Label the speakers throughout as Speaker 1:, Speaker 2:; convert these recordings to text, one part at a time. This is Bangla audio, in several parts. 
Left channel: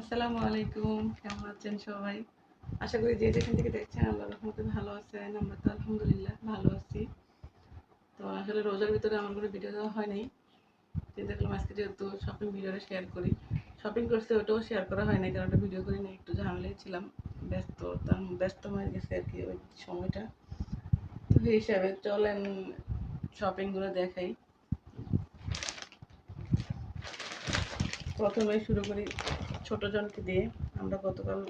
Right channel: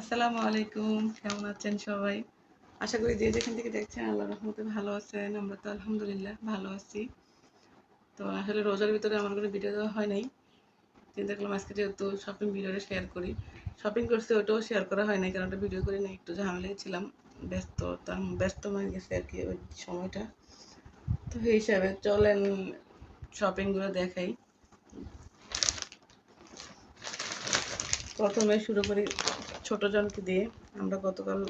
Speaker 1: আসসালামু আলাইকুম, কেমন আছেন সবাই? আশা করি যে যেখান থেকে দেখছেন আল্লাহ রহমতে ভালো আছেন। আমরা তো আলহামদুলিল্লাহ ভালো আছি। তো আসলে রোজার ভিতরে আমার কোনো ভিডিও দেওয়া হয় নাই। চিন্তা করলাম আজকে যেহেতু শপিং ভিডিওটা শেয়ার করি। শপিং করছি, ওটাও শেয়ার করা হয় নাই, কারণ ওটা ভিডিও করে না একটু ঝামেলায় ছিলাম। ব্যস্ত ব্যস্ত হয়ে গেছে আর কি ওই সময়টা। তো সেই হিসাবে চলেন শপিংগুলো দেখাই। প্রথমে শুরু করি। জনকে দিয়ে আমরা গতকাল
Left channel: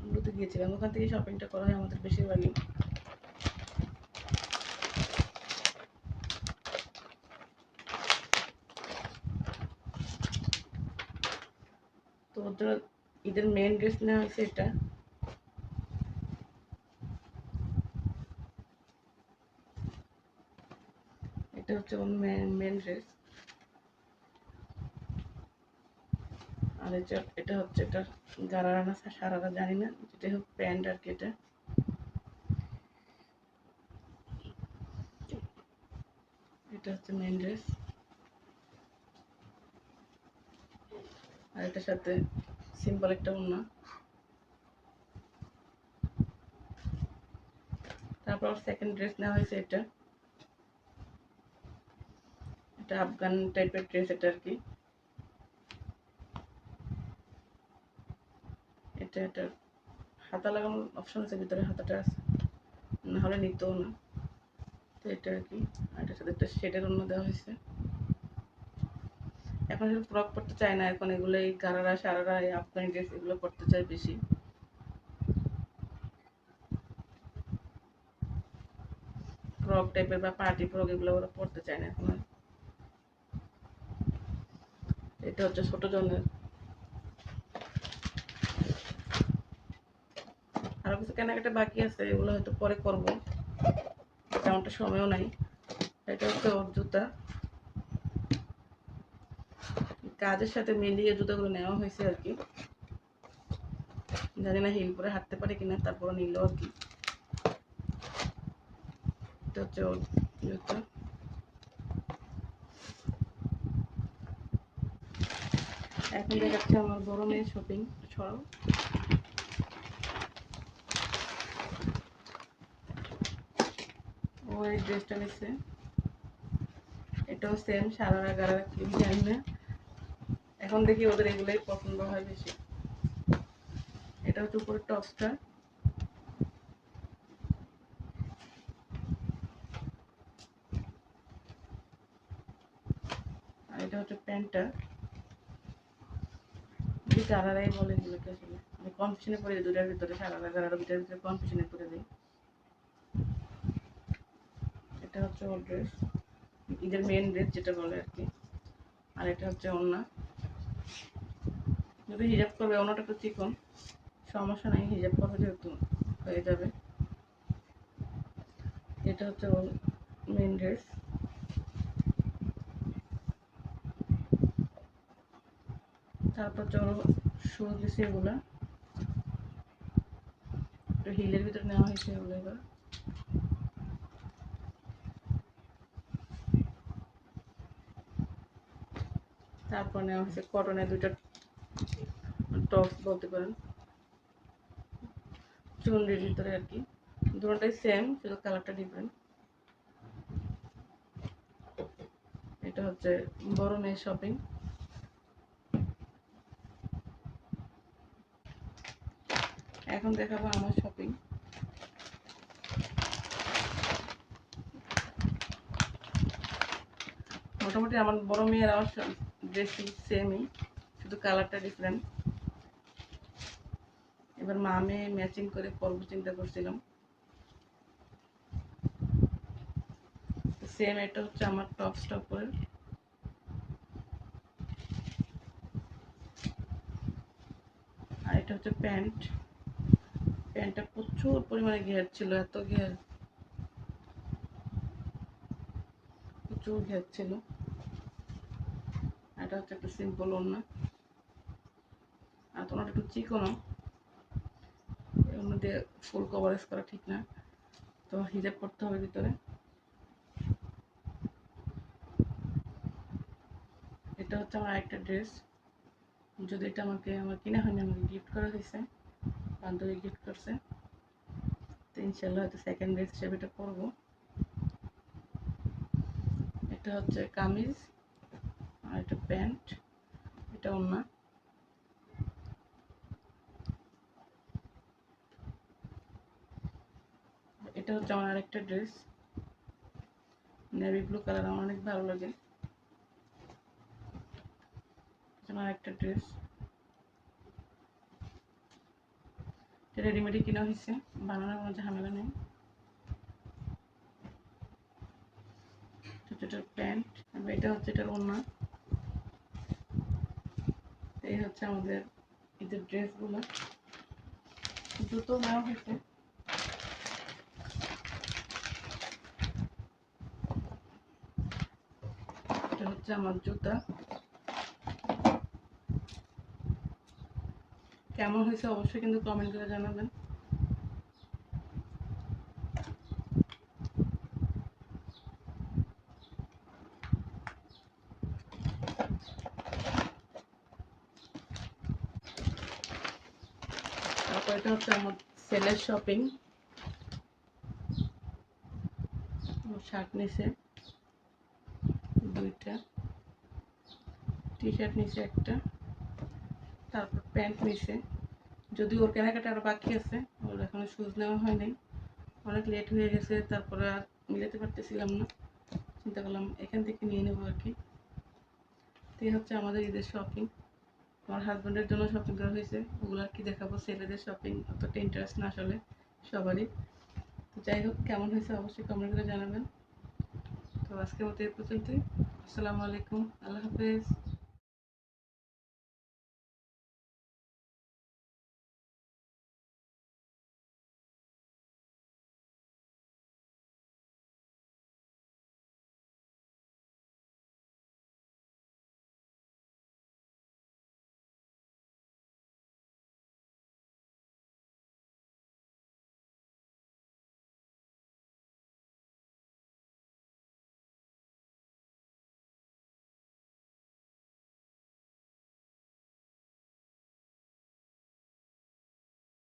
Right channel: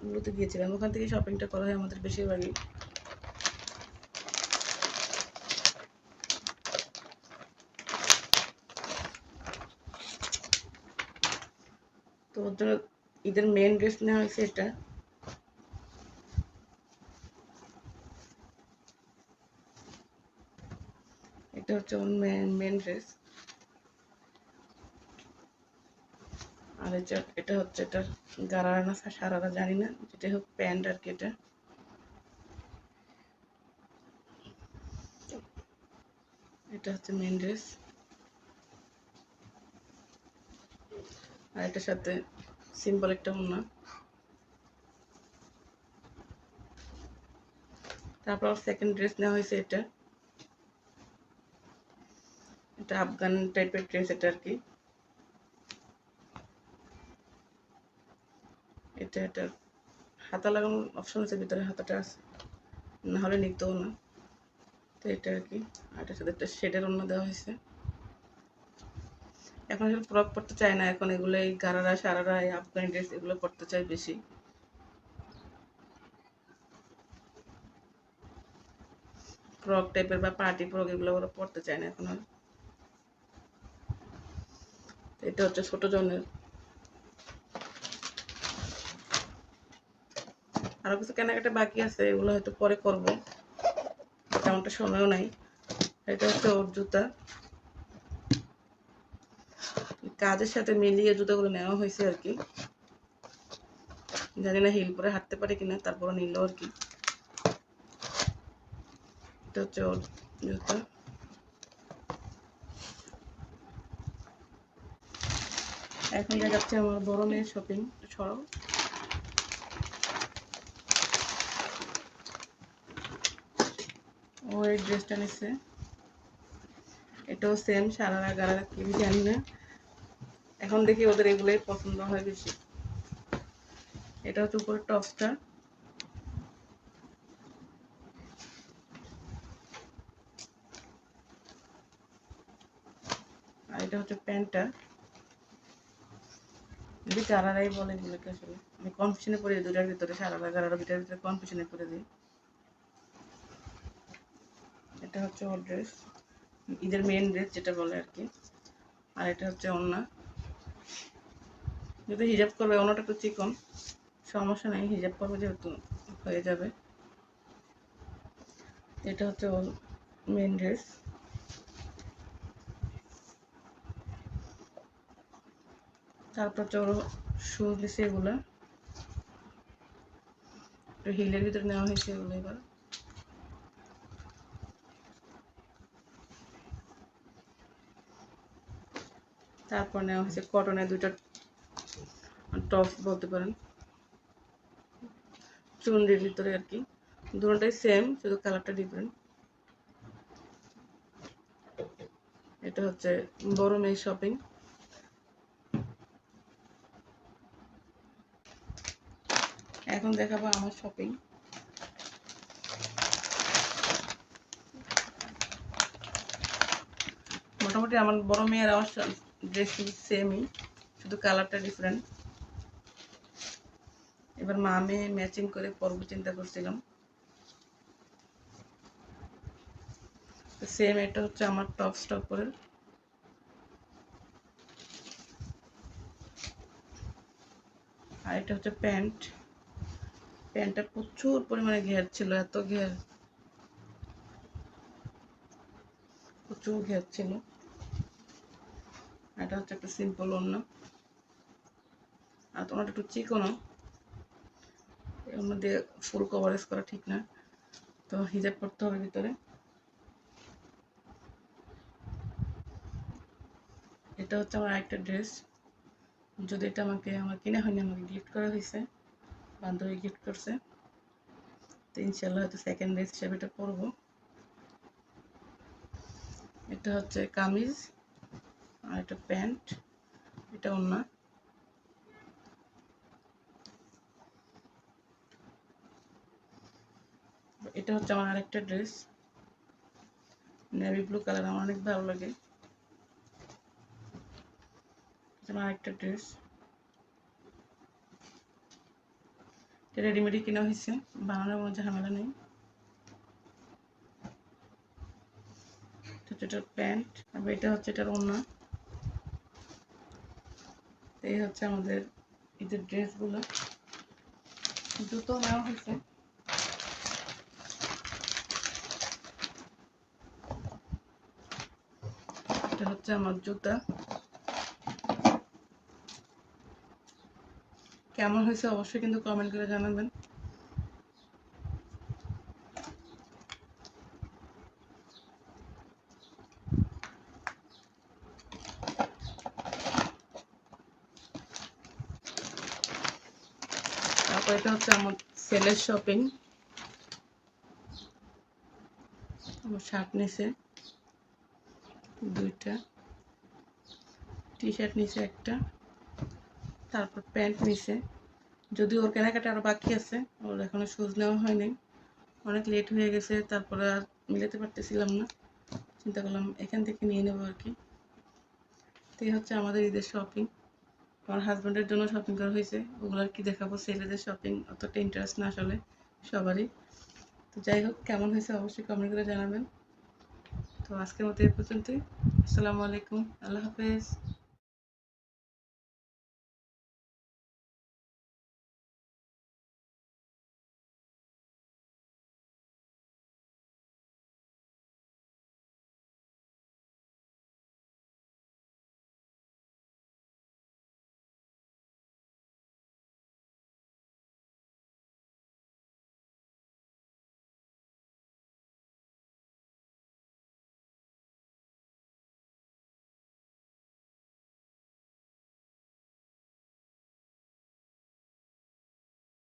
Speaker 1: মূলত গিয়েছিলাম। ওখান থেকে শপিংটা করা হয় আমাদের বেশিরভাগই। তো ওর জন্য ঈদের মেন ড্রেস নেওয়া হয়েছে এটা। এটা হচ্ছে ওর মেন মেন ড্রেস আর এটা হচ্ছে এটা গারারা না সারারা জানি না যেটা হোক প্যান্ট আর কি এটা। এটা হচ্ছে মেন ড্রেস আর এটার সাথে সিম্পল একটা ওড়না। তারপর সেকেন্ড ড্রেস নেওয়া হয়েছে এটা। এটা আফগান টাইপের ড্রেস এটা আর কি। এটা এটা হাতা লাগানোর অপশন আছে, ভিতরে হাতাটা আছে। না হলে নিতেও না। তো এটা আর কি। আর এটার সাথে একটা শেডের অন্য দেওয়া হয়েছে। এখন ফ্রক পরতে চায় না। এখন এগুলো এই গারারা, সারারা, এই আফগানি ড্রেস এগুলো পরতে চায় বেশি। ফ্রক টাইপের বা পার্টি ফ্রক এগুলো ওরা পরতে চায় না এখন। এটা হচ্ছে ছোট জনের আরও কিছু কেনাকাটা বাকি আছে, এগুলো হয়তো পরে করব। তেমনটা সময়ও নাই। এটা হচ্ছে ওর জুতা। কাজের সাথে মিলিয়ে জুতোগুলো নেওয়া হয়েছে আর কি। জানি না হিল পরে হাঁটতে পারে কিনা তারপরে নিল আর কি। এটা হচ্ছে এখন দেখাচ্ছে আমার বড় মেয়ের শপিং সরব ও এই ড্রেসটা নিচ্ছে। এটাও সেম সারা গারা কি জানি না। এখন দেখি ওদের এগুলোই পছন্দ হয় বেশি। এটা হচ্ছে উপরে টপসটা আর এটা হচ্ছে প্যান্টটা। যদি চারারাই বলে এগুলোকে আসলে, আমি পড়ে দিই দুটার ভিতরে সারা গারারা দুটার ভিতরে কনফিউশনে পড়ে দিই এটা হচ্ছে ওর ড্রেস ঈদের মেন ড্রেস যেটা বলে আর কি। আর এটা হচ্ছে ওড়না। যদি হিজাব করবে ওনাটা একটু চিকন। সমস্যা নেই হিজাব করবে যেহেতু হয়ে যাবে। এটা হচ্ছে ওর মেন ড্রেস তারপর হচ্ছে ওর শু দিছে এগুলো। হিলের ভিতরে নেওয়া হয়েছে এগুলো এবার। তারপর নেওয়া হয়েছে কটনের দুটো টপ বলতে পারেন। চুনরির ভিতরে আর কি। দুটোটাই সেম শুধু কালারটা ডিফারেন্ট এটা হচ্ছে বড় মেয়ের শপিং এখন দেখাবো আমার শপিং মোটামুটি আমার বড় মেয়ের আমার ড্রেস সেমই শুধু কালারটা ডিফারেন্ট এবার মা, আমি ম্যাচিং করে পরব চিন্তা করছিলাম। সেম এটা হচ্ছে আমার টপ স্টপের আর এটা হচ্ছে প্যান্ট প্যান্টটা প্রচুর পরিমাণে ঘের ছিল, এত ঘের। প্রচুর ঘের ছিল। এটা হচ্ছে একটু সিম্পল অন্য। আর তোমার একটু চিকনো এর মধ্যে ফুল কভারেজ করা ঠিক না। তো হিজাব করতে হবে ভিতরে। এটা হচ্ছে আমার আরেকটা ড্রেস যদি এটা আমাকে আমার কিনে হয়নি, আমাকে গিফট করা হয়েছে, বান্ধবী গিফট করছে, তো ইনশাল্লাহ হয়তো সেকেন্ড ড্রেস হিসেবে এটা পরবো। এটা হচ্ছে কামিজ। আর এটা প্যান্ট, এটা অন্য। এটা হচ্ছে আমার আরেকটা ড্রেস। নেভি ব্লু কালার আমার অনেক ভালো লাগে। আরেকটা ড্রেস। রেডিমেডই কেনা হয়েছে, বানানোর কোনো ঝামেলা নেই। এটা প্যান্ট এটা হচ্ছে এটার অন্য এই হচ্ছে আমাদের ঈদের ড্রেসগুলো। জুতো নেওয়া হয়েছে। এটা হচ্ছে আমার জুতা। কেমন হয়েছে অবশ্যই কিন্তু কমেন্ট করে জানাবেন তারপর এটা হচ্ছে আমার সেলের শপিং আমার শার্ট নিছে। দুইটা। টি শার্ট নিছে একটা। তারপর প্যান্ট নিছে। যদিও ওর কেনাকাটা আরও বাকি আছে, ওর এখনও শুজ নেওয়া হয়নি অনেক লেট হয়ে গেছে, তারপরে আর মিলাতে পারতেছিলাম না। চিন্তা করলাম এখান থেকে নিয়ে নেব আর কি। তো হচ্ছে আমাদের ঈদের শপিং আমার হাজব্যান্ডের জন্য শপিং করা হয়েছে। ওগুলো আর কি দেখাবো, ছেলেদের শপিং অতটা ইন্টারেস্ট না আসলে সবারই। তো যাই হোক, কেমন হয়েছে অবশ্যই কমেন্ট করে জানাবেন। তো আজকের মতো এই পর্যন্তই। আসসালামু আলাইকুম, আল্লাহ হাফেজ।